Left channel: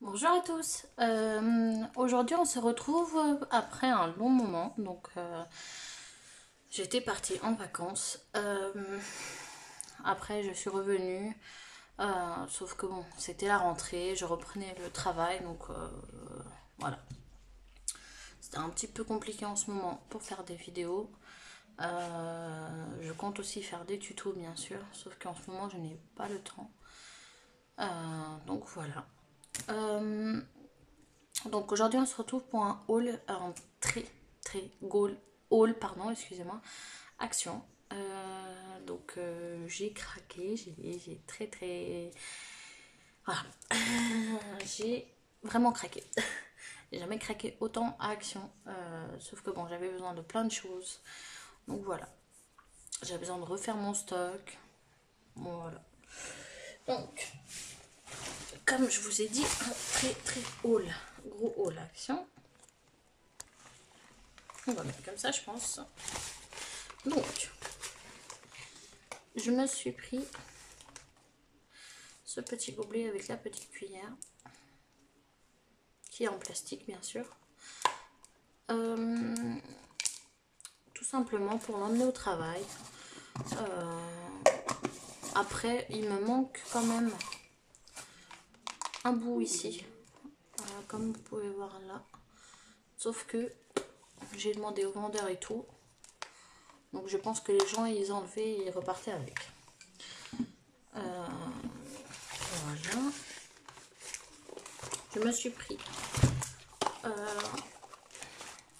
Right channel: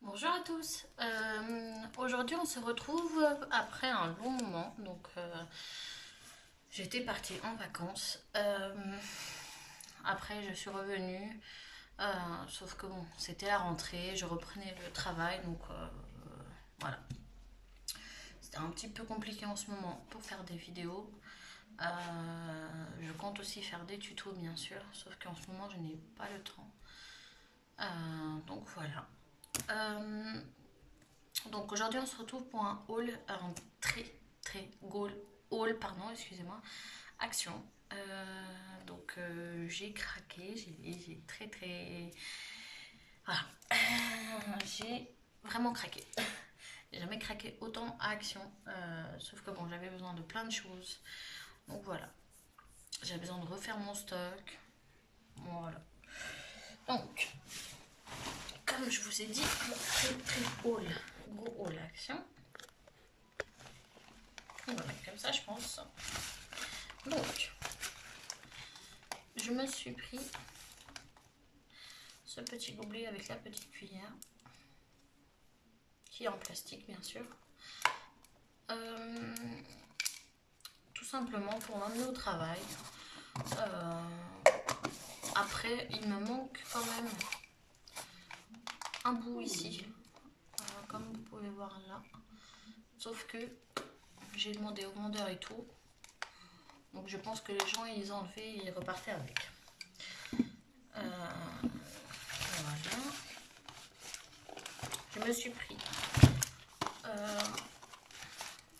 Bonjour à tous. Aujourd'hui, on se retrouve après un long moment. J'étais partie en vacances. Après, je suis revenue. Sauf que bon, c'était la rentrée. Je reprenais le travail. Voilà. C'était un petit peu compliqué en ce moment pour faire des vidéos. Je compte aussi faire des tutos, bien sûr. Sauf qu'en ce moment, je n'ai pas le temps. Donc voilà. Euh, Donc aujourd'hui on se retrouve pour un haul, un très gros haul, pardon, excusez-moi, action. J'ai craqué, j'ai très... Voilà. J'ai vraiment craqué. J'ai jamais craqué autant à action. Sauf que bon, j'avais besoin de plein de choses. Donc voilà. J'avais besoin de refaire mon stock. Voilà. Donc, comme je vous ai dit, très haul, gros haul action. Voilà, comme ça je pense. Donc, je me suis pris ce petit gobelet avec la petite cuillère, qui est en plastique bien sûr. Tout simplement pour l'emmener au travail. Après, il me manque quand même un bout ici, comme vous pouvez voir là. Sauf que j'ai demandé au vendeur et tout. Donc je pense que les gens ils enlevaient et ils repartaient avec. Voilà. Je me suis pris.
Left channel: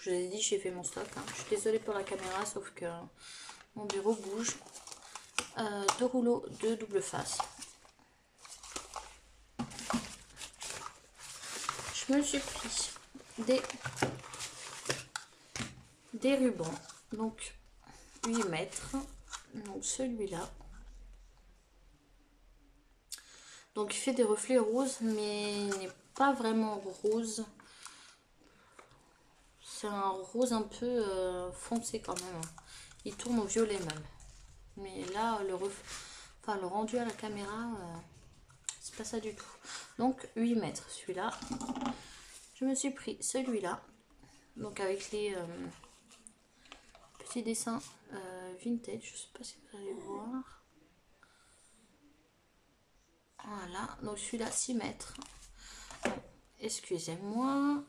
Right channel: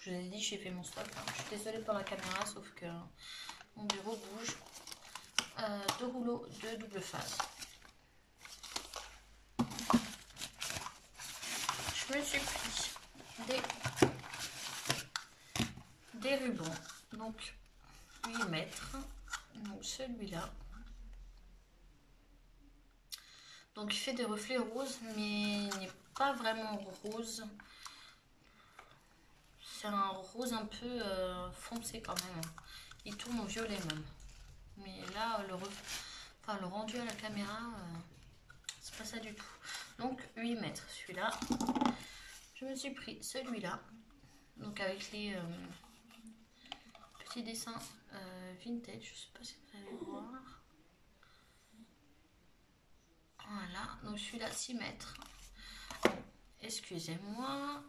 Je vous ai dit, j'ai fait mon stock. Je suis désolée pour la caméra, sauf que mon bureau bouge. Deux rouleaux de double face. Je me suis pris des rubans. Donc 8 mètres. Donc celui-là. Donc il fait des reflets roses, mais il n'est pas vraiment rose. C'est un rose un peu foncé quand même. Il tourne au violet même. Mais là, le rendu à la caméra, c'est pas ça du tout. Donc 8 mètres celui-là. Je me suis pris celui-là. Donc avec les petits dessins vintage. Je sais pas si vous allez voir. Voilà. Donc celui-là 6 mètres. Excusez-moi.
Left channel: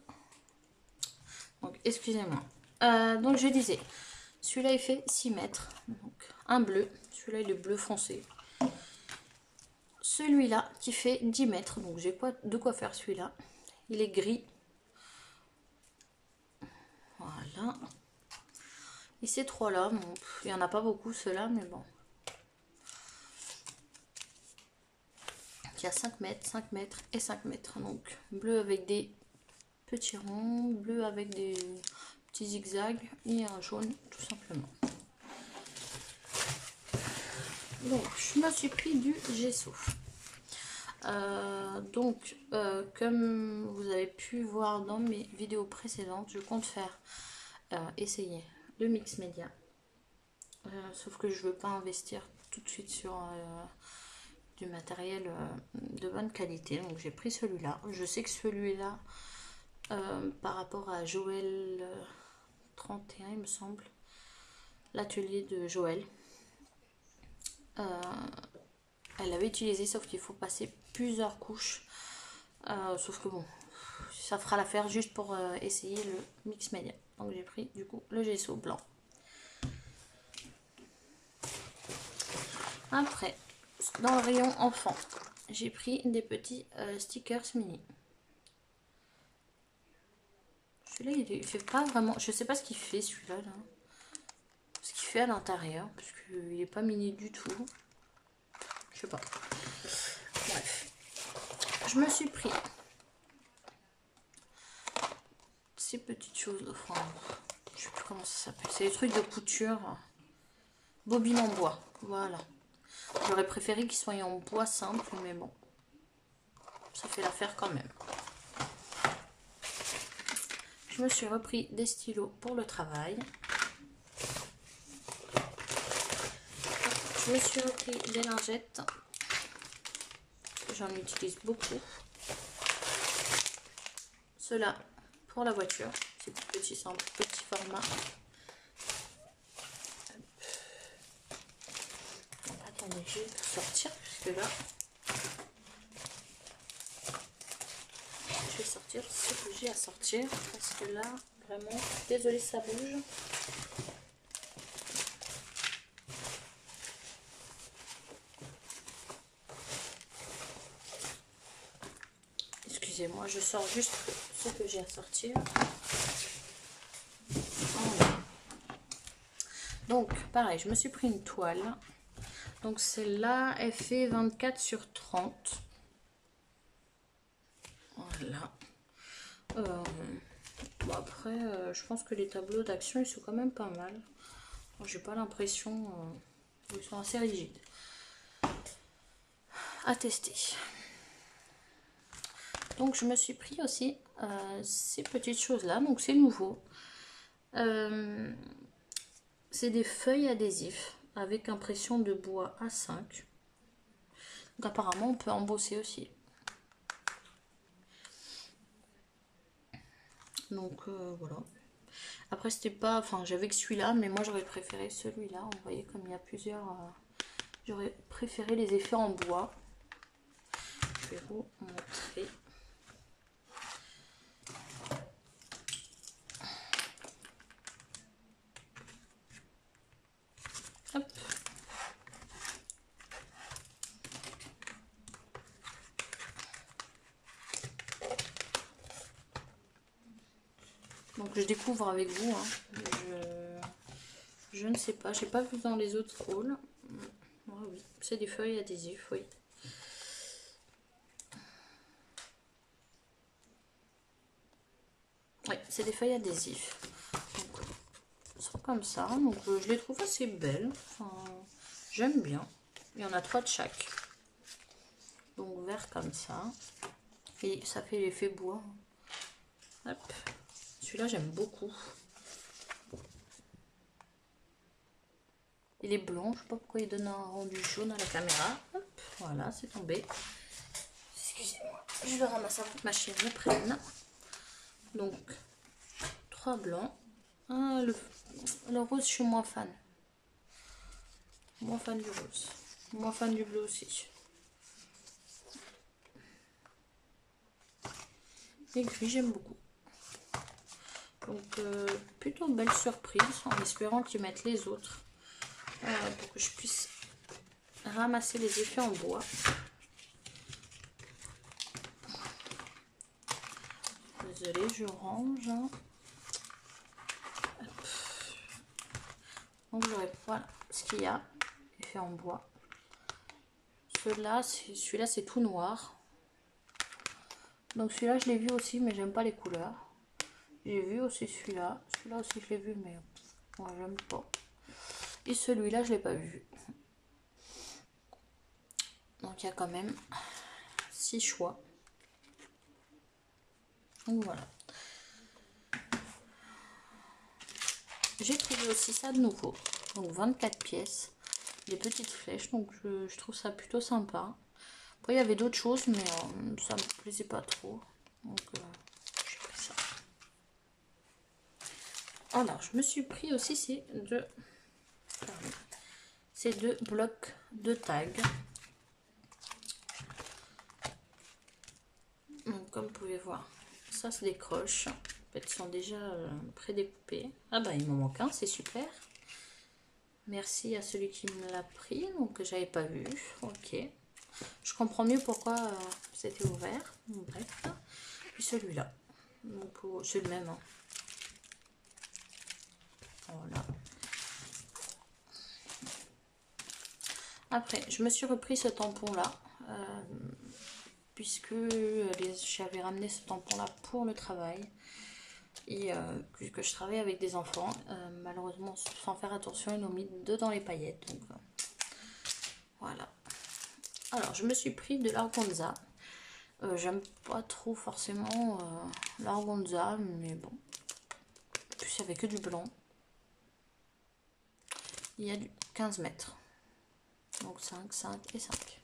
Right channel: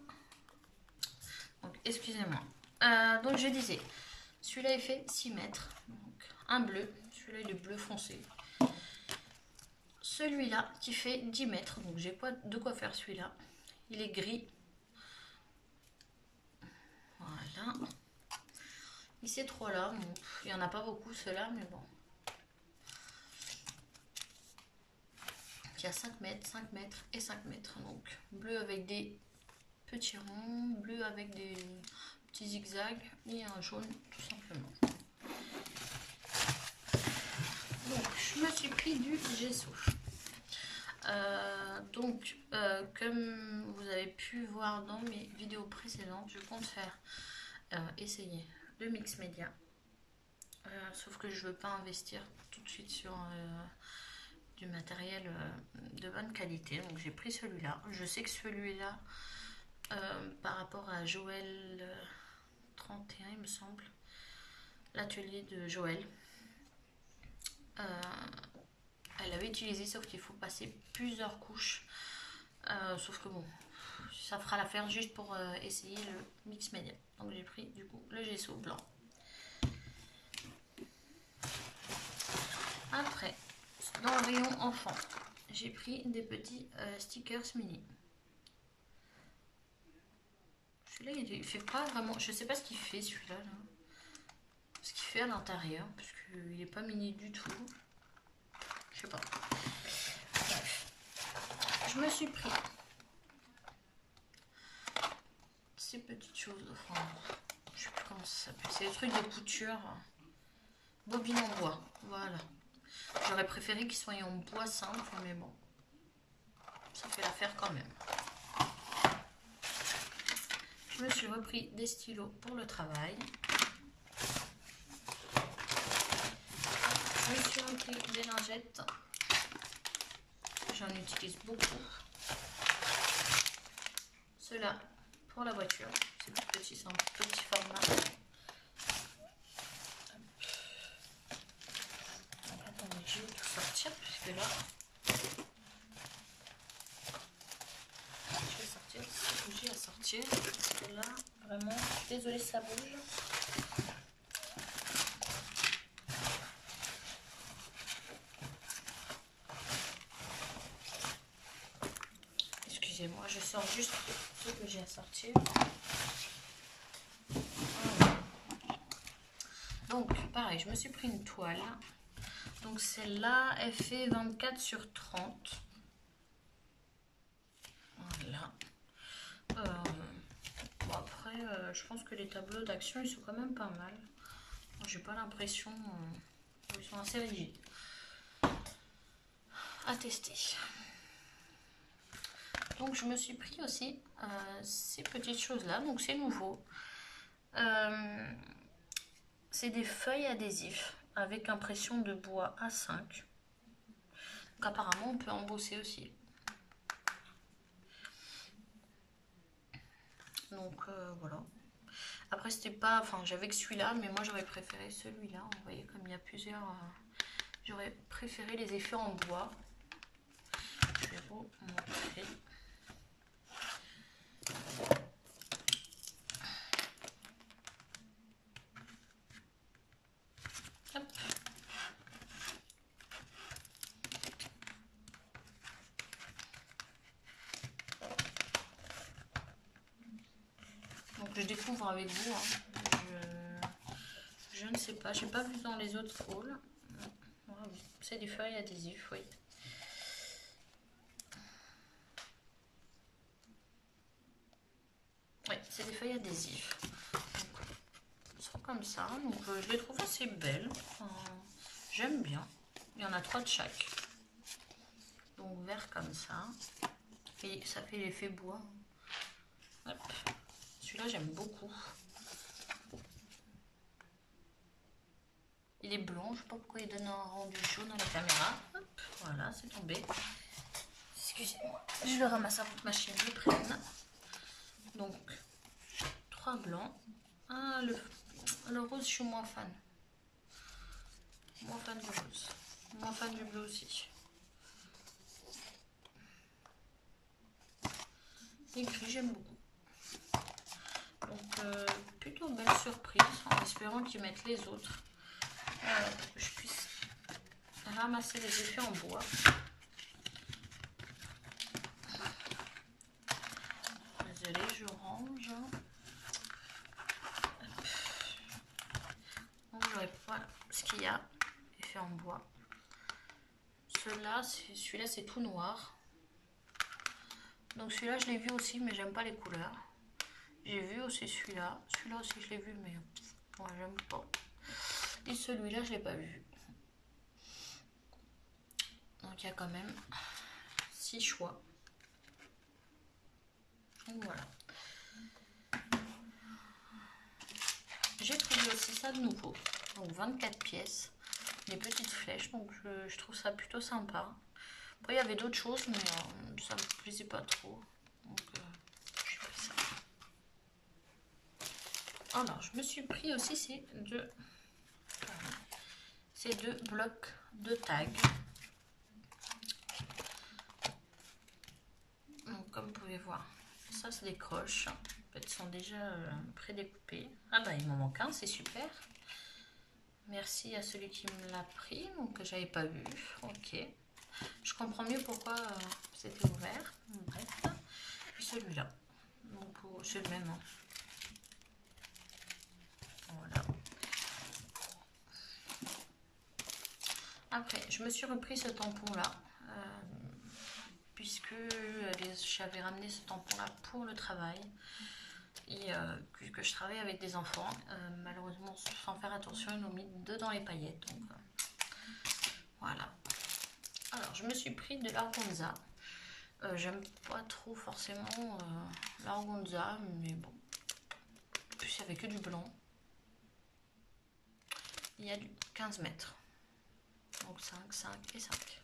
Donc excusez-moi. Donc je disais, celui-là il fait 6 mètres. Donc un bleu. Celui-là il est bleu foncé. Celui-là qui fait 10 mètres. Donc j'ai pas de quoi faire celui-là. Il est gris. Voilà. Et ces trois-là, bon, il n'y en a pas beaucoup ceux-là, mais bon. Il y a 5 mètres, 5 mètres et 5 mètres. Donc bleu avec des petits ronds, bleu avec des petits zigzags et un jaune tout simplement. Donc je me suis pris du gesso. Comme vous avez pu voir dans mes vidéos précédentes, je compte faire essayer le mix média. Sauf que je veux pas investir tout de suite sur du matériel de bonne qualité. Donc j'ai pris celui-là. Je sais que celui-là, par rapport à Joël 31, il me semble, l'atelier de Joël, elle avait utilisé, sauf qu'il faut passer plusieurs couches. Sauf que bon, ça fera l'affaire juste pour essayer le mix média. Donc j'ai pris du coup le gesso blanc. Après, dans le rayon enfant, j'ai pris des petits stickers mini. Celui-là, il fait pas vraiment... Je sais pas ce qu'il fait, celui-là. Là. Ce qu'il fait à l'intérieur, parce qu'il est pas mini du tout. Je sais pas. Bref. Je me suis pris ces petites choses. Enfin, je sais plus comment ça s'appelle. C'est des trucs de couture. Bobine en bois. Voilà. J'aurais préféré qu'ils soient en bois simple, mais bon. Ça fait l'affaire quand même. Je me suis repris des stylos pour le travail. Je me suis repris des lingettes. J'en utilise beaucoup. ceux-là pour la voiture. C'est tout petit, c'est un petit format. Attendez, je vais tout sortir puisque là, je vais sortir ce que j'ai à sortir parce que là, vraiment, je suis désolée, ça bouge. Excusez-moi, je sors juste ce que j'ai à sortir. Voilà. Donc, pareil, je me suis pris une toile. Donc, celle-là, elle fait 24 sur 30. Voilà. Bon, après, je pense que les tableaux d'action, ils sont quand même pas mal. J'ai pas l'impression qu'ils sont assez rigides. À tester. Donc, je me suis pris aussi ces petites choses-là. Donc, c'est nouveau. C'est des feuilles adhésifs avec impression de bois A5. Donc, apparemment, on peut embosser aussi. Donc, voilà. Après, c'était pas... Enfin, j'avais que celui-là, mais moi, j'aurais préféré celui-là. Vous voyez, comme il y a plusieurs... j'aurais préféré les effets en bois. Je vais vous montrer. Hop. Donc, je découvre avec vous. Hein. Je ne sais pas. J'ai pas vu dans les autres hauls. Ah, oui. C'est des feuilles adhésives, oui. Oui, c'est des feuilles adhésives. Donc, comme ça. Donc, je les trouve assez belles. Enfin, j'aime bien. Il y en a 3 de chaque. Donc, vert comme ça. Et ça fait l'effet bois. Hop. Celui-là, j'aime beaucoup. Il est blanc. Je ne sais pas pourquoi il donne un rendu jaune à la caméra. Hop. Voilà, c'est tombé. Excusez-moi. Je le ramasse avant que ma chérie me prenne. Donc, 3 blancs. Ah, le rose, je suis moins fan. Moins fan du rose. Moins fan du bleu aussi. Les gris, j'aime beaucoup. Donc, plutôt belle surprise, en espérant qu'ils mettent les autres. Pour que je puisse ramasser les effets en bois. Désolée, je range. Donc, je n'aurai pas ce qu'il y a, effet en bois. Celui-là, c'est tout noir. Donc, celui-là, je l'ai vu aussi, mais j'aime pas les couleurs. J'ai vu aussi celui-là. Celui-là aussi, je l'ai vu, mais moi, j'aime pas. Et celui-là, je l'ai pas vu. Donc, il y a quand même 6 choix. Donc, voilà. J'ai trouvé aussi ça de nouveau. Donc, 24 pièces. Des petites flèches. Donc, je trouve ça plutôt sympa. Après, il y avait d'autres choses, mais ça me plaisait pas trop. Donc, j'ai pris ça. Alors, je me suis pris aussi ces deux blocs de tag. Donc, comme vous pouvez voir, ça se décroche. En fait, ils sont déjà prédécoupés. Ah bah, il m'en manque un, c'est super. Merci à celui qui me l'a pris, donc que j'avais pas vu. Ok. Je comprends mieux pourquoi c'était ouvert. Bref. Puis celui-là. Donc, c'est le même. Hein. Voilà. Après, je me suis repris ce tampon-là. Puisque j'avais ramené ce tampon-là pour le travail. Et puisque je travaille avec des enfants, malheureusement, sans faire attention, ils l'ont mis dedans les paillettes. Donc, voilà. Alors, je me suis pris de l'organza. J'aime pas trop forcément l'organza, mais bon. En plus, il n'y avait que du blanc. Il y a du 15 mètres. Donc 5, 5 et 5.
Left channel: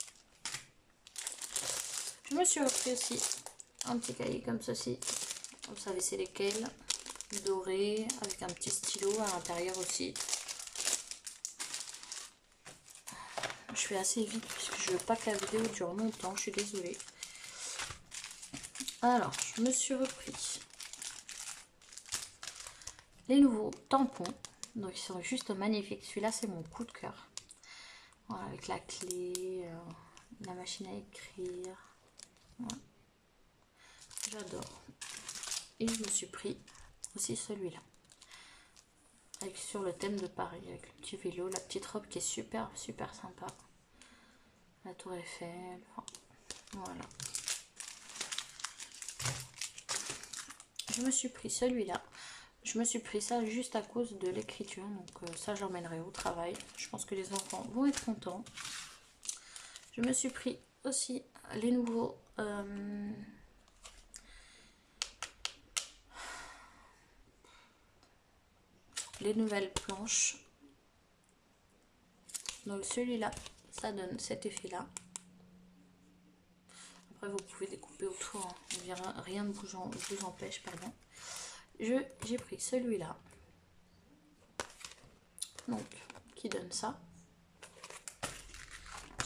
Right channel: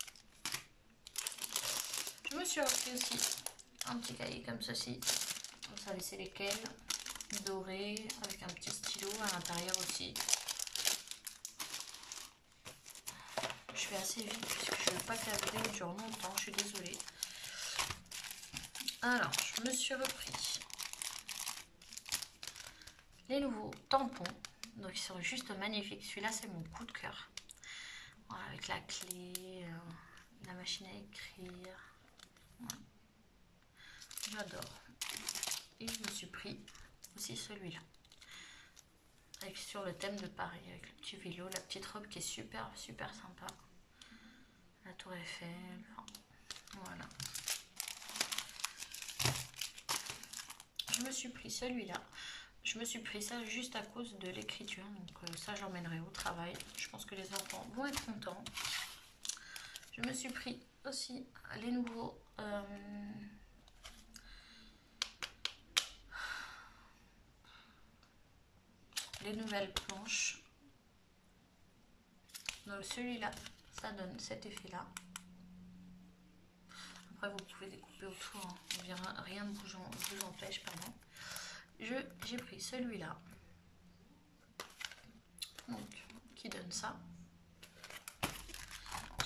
Je me suis offert aussi un petit cahier comme ceci. Vous savez c'est lesquels? Doré, avec un petit stylo à l'intérieur aussi. Je fais assez vite puisque je veux pas que la vidéo dure longtemps, je suis désolée. Alors, je me suis repris les nouveaux tampons. Donc, ils sont juste magnifiques. Celui-là, c'est mon coup de cœur. Voilà, avec la clé, la machine à écrire. Voilà. J'adore. Et je me suis pris aussi celui-là. Avec sur le thème de Paris, avec le petit vélo, la petite robe qui est super, super sympa. La tour Eiffel. Enfin, voilà. Je me suis pris celui-là. Je me suis pris ça juste à cause de l'écriture. Donc ça, j'emmènerai au travail. Je pense que les enfants vont être contents. Je me suis pris aussi les nouveaux... les nouvelles planches. Donc celui-là, ça donne cet effet-là. Après, vous pouvez découper autour. Hein. Rien ne vous empêche, pardon. J'ai pris celui-là. Donc, qui donne ça.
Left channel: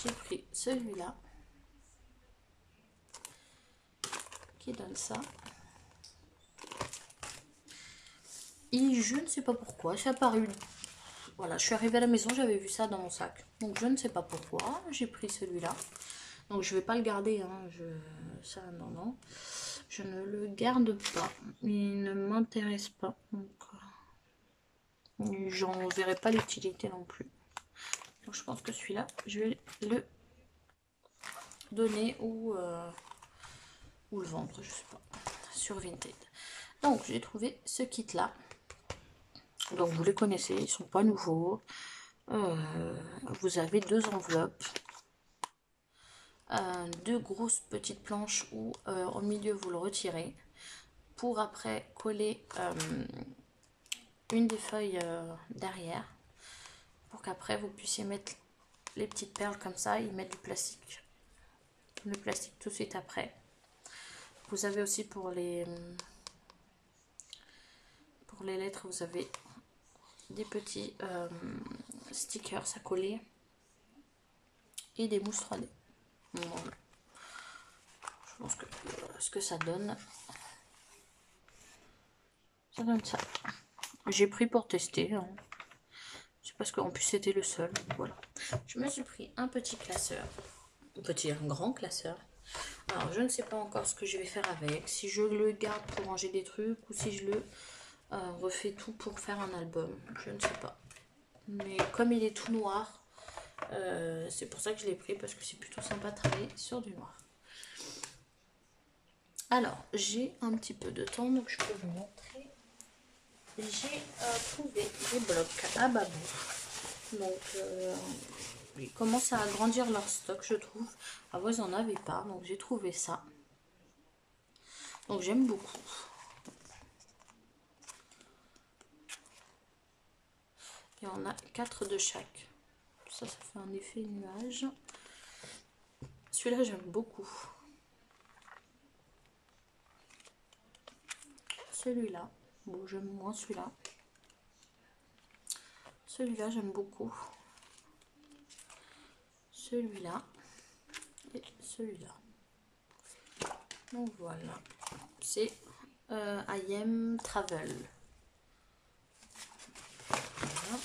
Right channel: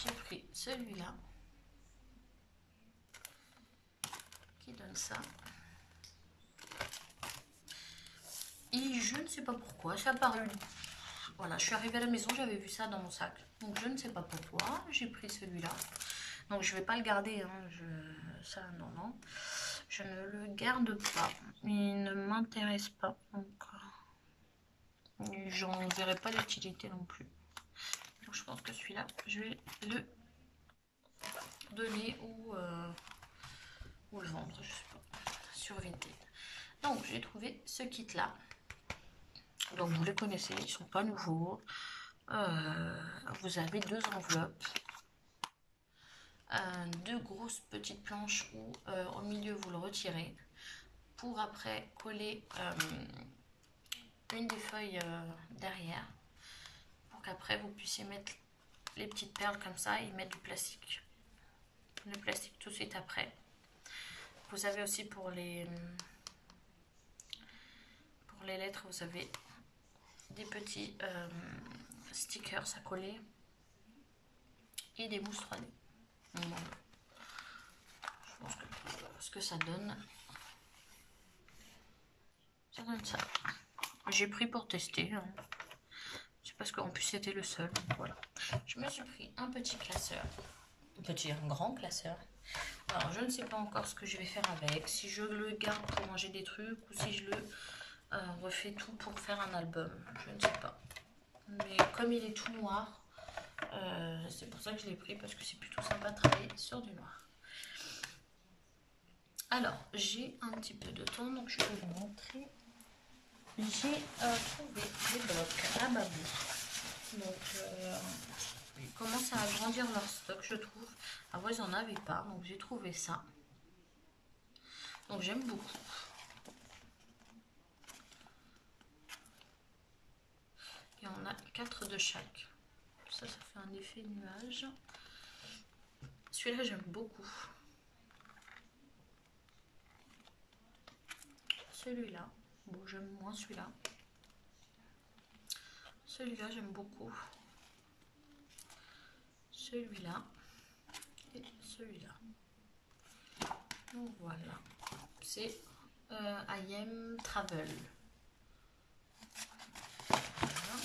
J'ai pris celui-là. Qui donne ça. Et je ne sais pas pourquoi, ça a apparu. Voilà, je suis arrivée à la maison, j'avais vu ça dans mon sac. Donc je ne sais pas pourquoi, j'ai pris celui-là. Donc je vais pas le garder, hein. Ça, non. Je ne le garde pas. Il ne m'intéresse pas. Donc j'en verrai pas l'utilité non plus. Donc je pense que celui-là, je vais le donner ou le vendre, je sais pas, sur Vinted. Donc j'ai trouvé ce kit là. Donc vous les connaissez, ils sont pas nouveaux. Vous avez 2 enveloppes, 2 grosses petites planches où au milieu vous le retirez pour après coller une des feuilles derrière pour qu'après vous puissiez mettre les petites perles comme ça et mettre du plastique. Le plastique tout de suite après. Vous avez aussi pour les lettres, vous avez des petits stickers à coller et des mousses 3D. Voilà. Je pense que ce que ça donne ça. J'ai pris pour tester. Hein. C'est parce qu'en plus c'était le seul. Voilà. Je me suis pris un petit classeur. Un grand classeur. Alors je ne sais pas encore ce que je vais faire avec. Si je le garde pour ranger des trucs ou si je le refais tout pour faire un album. Je ne sais pas. Mais comme il est tout noir, c'est pour ça que je l'ai pris parce que c'est plutôt sympa de travailler sur du noir. Alors, j'ai un petit peu de temps, donc je peux vous montrer. J'ai trouvé des blocs à Babou. Donc, ils commencent à agrandir leur stock, je trouve. Avant, ils n'en avaient pas, donc j'ai trouvé ça. Donc, j'aime beaucoup. Et on a 4 de chaque. Ça fait un effet nuage. Celui-là, j'aime beaucoup. Celui-là, bon, j'aime moins celui-là. Celui-là, j'aime beaucoup. Celui-là et celui-là. Donc voilà, c'est I Am Travel. Voilà.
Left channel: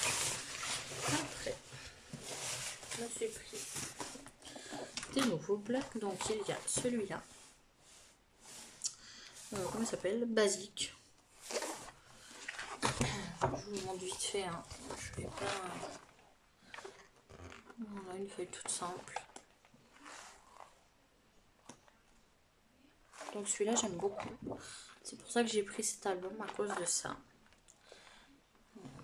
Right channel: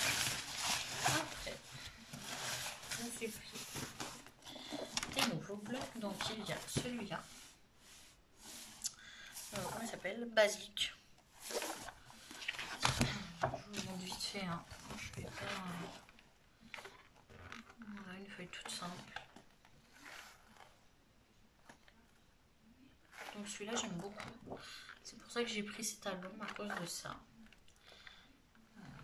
Après, je me suis pris des nouveaux blocs. Donc il y a celui-là. Comment il s'appelle? Basique. Je vous montre vite fait. Hein. Je vais pas. Voilà, une feuille toute simple. Donc celui-là, j'aime beaucoup. C'est pour ça que j'ai pris cet album à cause de ça. Voilà.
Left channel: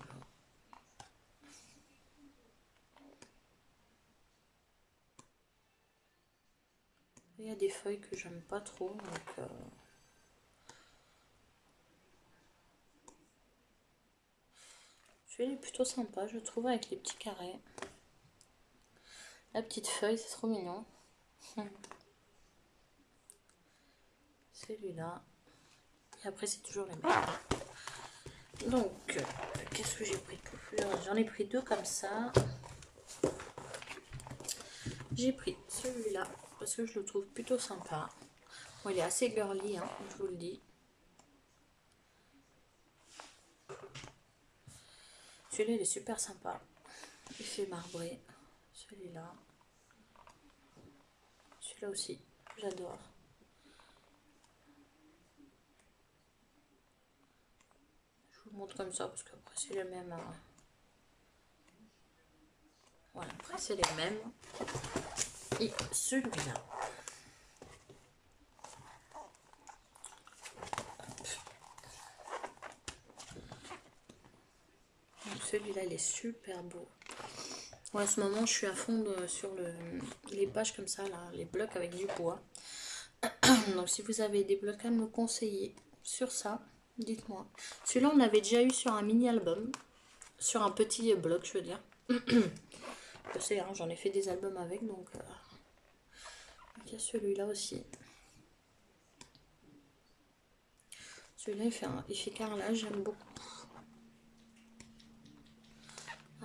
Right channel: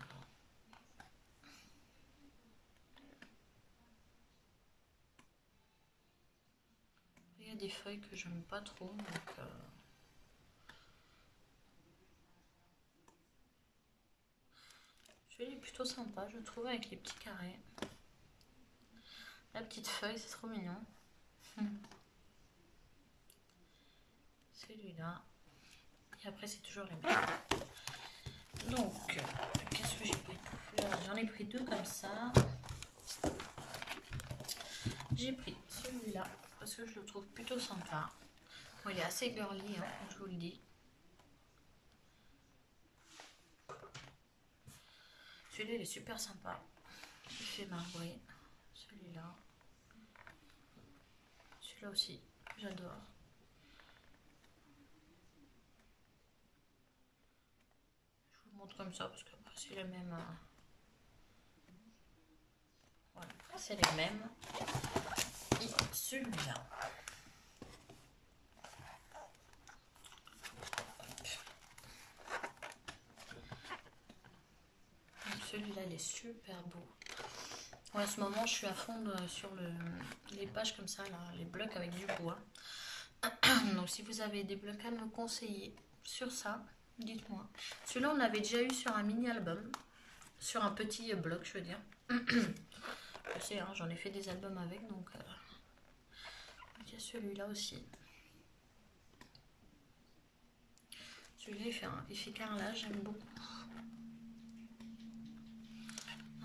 Il y a des feuilles que j'aime pas trop. Donc, celui-là est plutôt sympa, je trouve, avec les petits carrés. La petite feuille, c'est trop mignon. Celui-là. Et après, c'est toujours les mêmes. Donc, qu'est-ce que j'ai pris de plus? J'en ai pris 2 comme ça. J'ai pris celui-là parce que je le trouve plutôt sympa. Bon, il est assez girly, hein, je vous le dis. Celui-là, il est super sympa. Il fait marbrer. Celui-là. Celui-là aussi, j'adore. Je vous montre comme ça parce qu'après, c'est les mêmes. Voilà, après, c'est les mêmes. Et celui-là. Celui-là, il est super beau. En ce moment, je suis à fond sur les pages comme ça, là, les blocs avec du bois. Donc, si vous avez des blocs à me conseiller sur ça, dites-moi. Celui-là, on l'avait déjà eu sur un mini-album. Sur un petit bloc, je veux dire. Je sais, hein, j'en ai fait des albums avec, donc... il y a celui-là aussi. Celui-là, il fait carrelage, j'aime beaucoup.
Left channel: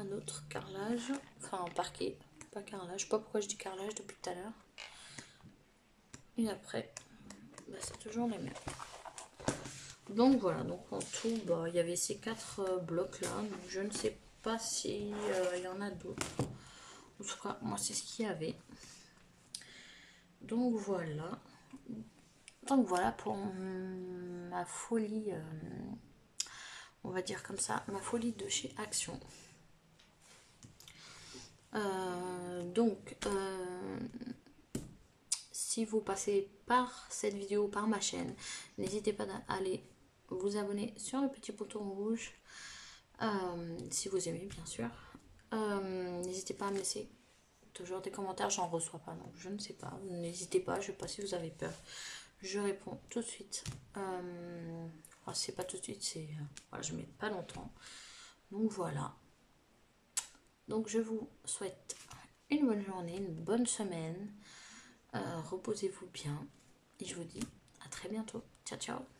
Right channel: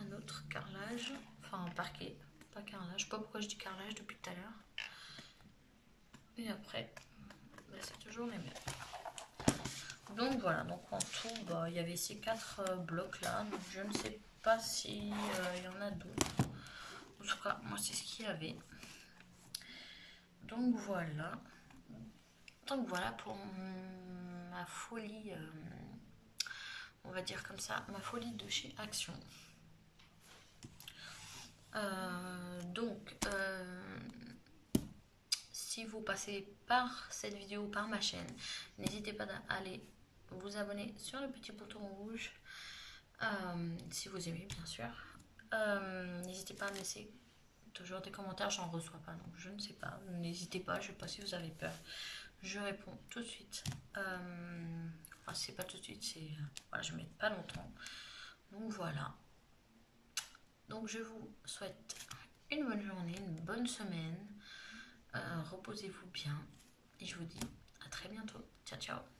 Un autre carrelage, enfin un parquet, pas carrelage, je sais pas pourquoi je dis carrelage depuis tout à l'heure. Et après, bah, c'est toujours les mêmes. Donc voilà, donc en tout, bah, il y avait ces 4 blocs là, donc je ne sais pas si il y en a d'autres. En tout cas, moi c'est ce qu'il y avait. Donc voilà. Donc voilà pour ma folie, on va dire comme ça, ma folie de chez Action. Si vous passez par cette vidéo, par ma chaîne, n'hésitez pas à aller vous abonner sur le petit bouton rouge, si vous aimez bien sûr. N'hésitez pas à me laisser toujours des commentaires, j'en reçois pas, donc je ne sais pas. N'hésitez pas, je ne sais pas si vous avez peur. Je réponds tout de suite. Enfin, c'est pas tout de suite, c'est voilà, je ne mets pas longtemps. Donc voilà. Donc je vous souhaite une bonne journée, une bonne semaine. Reposez-vous bien et je vous dis à très bientôt. Ciao, ciao.